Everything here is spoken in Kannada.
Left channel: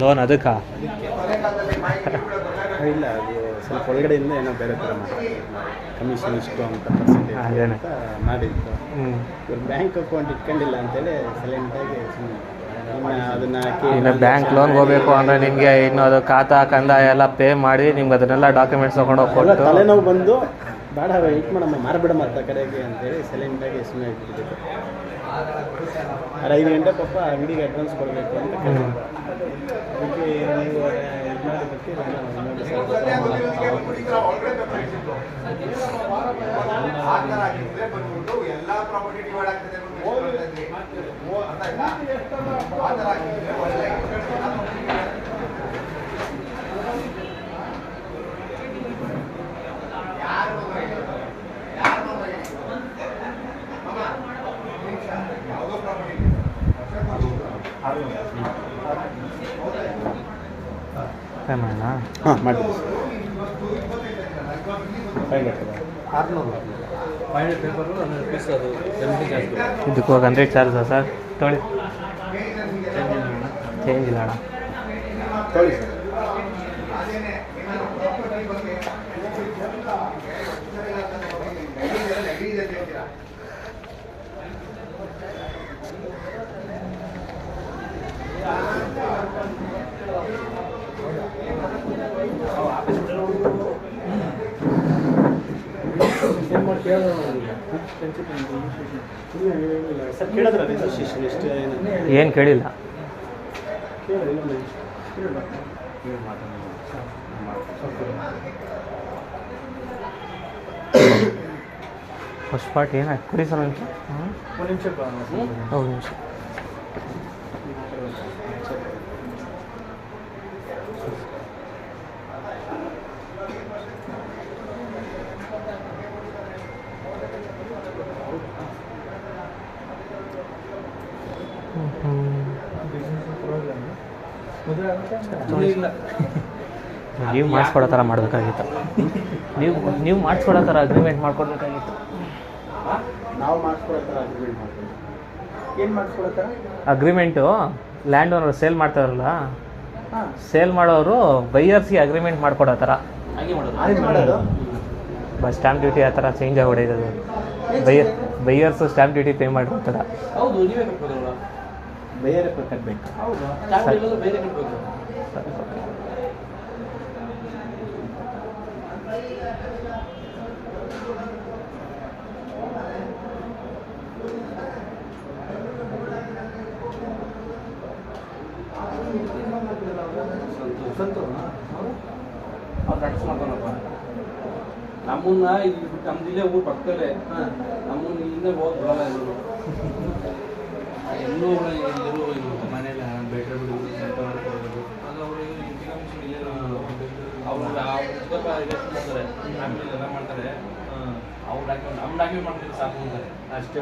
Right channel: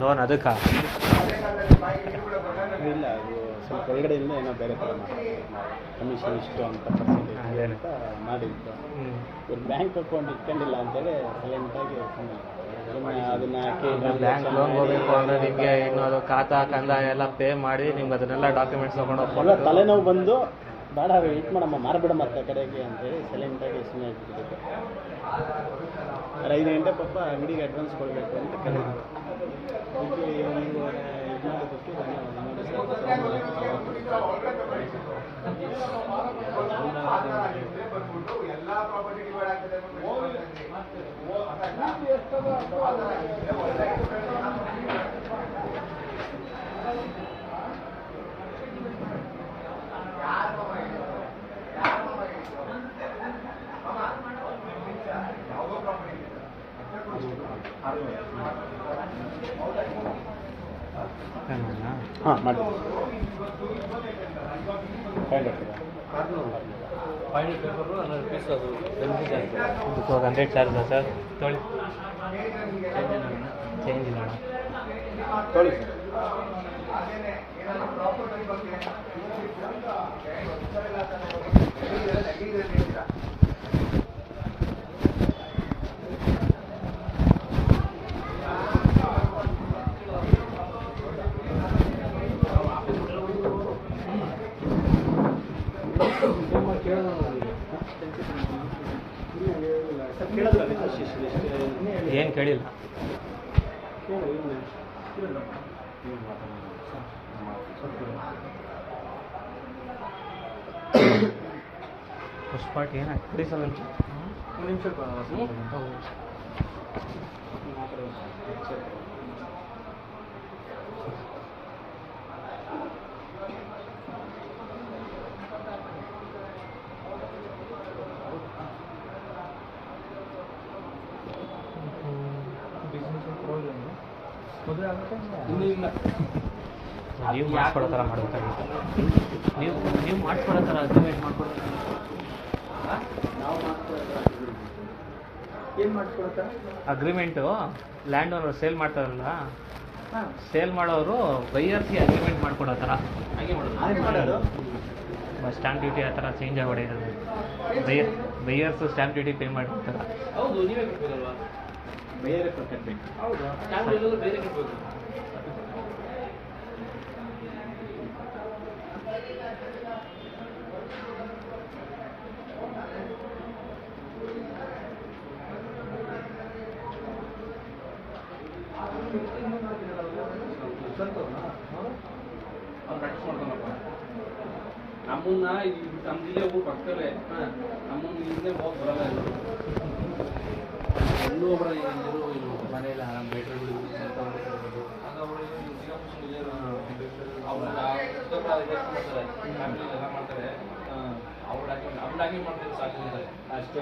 ಲೋನ್ ಅದಕ್ಕೆ ಇಲ್ಲ, ಅದು ಸ್ವಲ್ಪ ಒಳಗಡೆಯಿಂದ ಏನೋ ಬೇರೆ ಥರ ಕಮಿಷನ್ ಇಷ್ಟು ಅಂತ ಪರ್ಸೆಂಟೇಜ್ ಅಂತ ಮಾಡಿತ್ತು. ಇವ್ರು ಬ್ಯಾಂಕ್ ಅಕೌಂಟ್ ಇಟ್ಕೊಂಡಿಲ್ಲ ಅಂತೇಳಿ ಸೈಲೆಂಟಾಗಿ ಅದನ್ನು ಬ್ಯಾಂಕ್ ಲೋನ್ಗೆ ಹೋಗಬೇಕು ಅಂದರೆ ನಿಮಗೆ ಇನ್ನು ಅದು ಖಾತಾ ಕಂದಾಯ ಎಲ್ಲ ಪೇ ಮಾಡಿ ನಿಮ್ಗೆ ಅದನ್ನೆಲ್ಲ ಡಾಕ್ಯುಮೆಂಟ್ಸ್ ತೊಗೊಂಡು ಹೋಗ್ಕೊಂಡು ತಲೆನೋವು ಬಂದು ಬೇಡ ವೆಯ್ಟ್ ಮಾಡಮ್ಮ ಮಾರ್ಬಿಡಮ್ಮ ಅಂತ ಕಡೆಗೆ ಅಂತೇಳಿ ಸೈಲೆಂಟಾಗಿ ಸುಮ್ಮನೆ ಇಟ್ಬಿಟ್ಟಿದ್ದು. 5 ಗಂಟೆ ಪಾಪ ಅಂಗಡಿಗೆ ಅಡ್ವಾನ್ಸ್ ಕೊಡಬೇಕು ಅಂತ ಕರೆದಿದ್ರು. ಅದಕ್ಕೆ ನೀವು ಇದು ಮಾಡೋದಕ್ಕೆ ಹಾಂ ಮಾಡಿ 500 ಪೇಪರು 100 rupees ಅದು ಇದಕ್ಕೆ ಹೋಗಿ 100 ಚಾರ್ಜಾ ಸರ್? ತೊಗೊಳ್ಳಿ, ಚೇಂಜ್ ಇಲ್ಲ ಅಣ್ಣ. ತೊಗೊಳ್ಳಿ ಸರ್. ಏನು ಕೇಳಿಲ್ಲ. ಫಸ್ಟ್ ಪಾರ್ಟ್ ಏನು ಕೊಡಿ ಸರ್? ಒಂದು ನಿಮಿಷ. ಹೌದು ನಿಮಿಷ. ನೀವು ಮಾಡಿಸ್ಕೊಡೋ ಥರ ಮಾಡಬೇಕಾಗಿತ್ತು. ನೀವು ಮಾಡಿಸ್ಕೊಡೋ ಥರ ಅಗ್ರಿಮೆಂಟ್ ಮಾಡ್ಕೊಡ್ಬೇಕಾಗಿತ್ತು. ನಾವು ಮಾಡಿಸ್ಕೊಡೋ ಥರ ಏನು ಮಾಡಿಸ್ಕೊಡೋ ಥರ ಅಗ್ರಿಮೆಂಟು ಲ್ಯಾಂಡ್ ಓನರ್ ಸೇಲ್ ಮಾಡ್ತಾರಲ್ಲ, ಸೇಲ್ ಮಾಡೋರು ಬೈಯರ್ಸ್ಗೆ ಅಗ್ರಿಮೆಂಟ್ ಮಾಡ್ಕೊಡೋ ಥರ ಮಾಡೋದು. ಸ್ಟ್ಯಾಂಪ್ ಡ್ಯೂಟಿ ಆ ಥರ ಚೇಂಜ್ ಆಗಿಬಿಟ್ಟಿದೆ. ಬೈಯರ್ಸು ಸ್ಟ್ಯಾಂಪ್ ಡ್ಯೂಟಿ ಪೇ ಮಾಡಿರ್ತಾರೆ. ಹೌದು, ನೀವೇ ಕಟ್ಬೋದಲ್ಲ? ಬೇರೆ ಕಟ್ಟಬೇಕು. ಹೌದು, ಸ್ಟ್ಯಾಂಪ್ ಬೇರೆ ಕಟ್ಟಬೇಕು. ನಮ್ಮನ್ನ ಇಲ್ಲಿ ಬಿಟ್ಟು ನಮ್ದಿಲ್ಲೇ ಊರು ಪಕ್ಕದಲ್ಲೇ, ನಮ್ಮನ್ನ ಇಲ್ಲೇ ಹೋಗಿ ಬರೋಲ್ಲ. ಎಲ್ಲೂ ಇರೋ ಮನೆಯಲ್ಲ ಬೆಟ್ರ್ ಬಿಡು ಅವ್ರು ಮಾಡ್ತಾರೆ, ಫ್ಯಾಮಿಲಿ ಎಲ್ಲ ಮಾಡ್ತಾರೆ. ಅವ್ರು ಡಾಕ್ಯುಮೆಂಟ್ ನಮ್ಮ ಡಾಕ್ಯುಮೆಂಟ್ ಮಾಡ್ತಾರೆ ಸಾಕು ಅಂತಾರೆ ಅಷ್ಟೇ.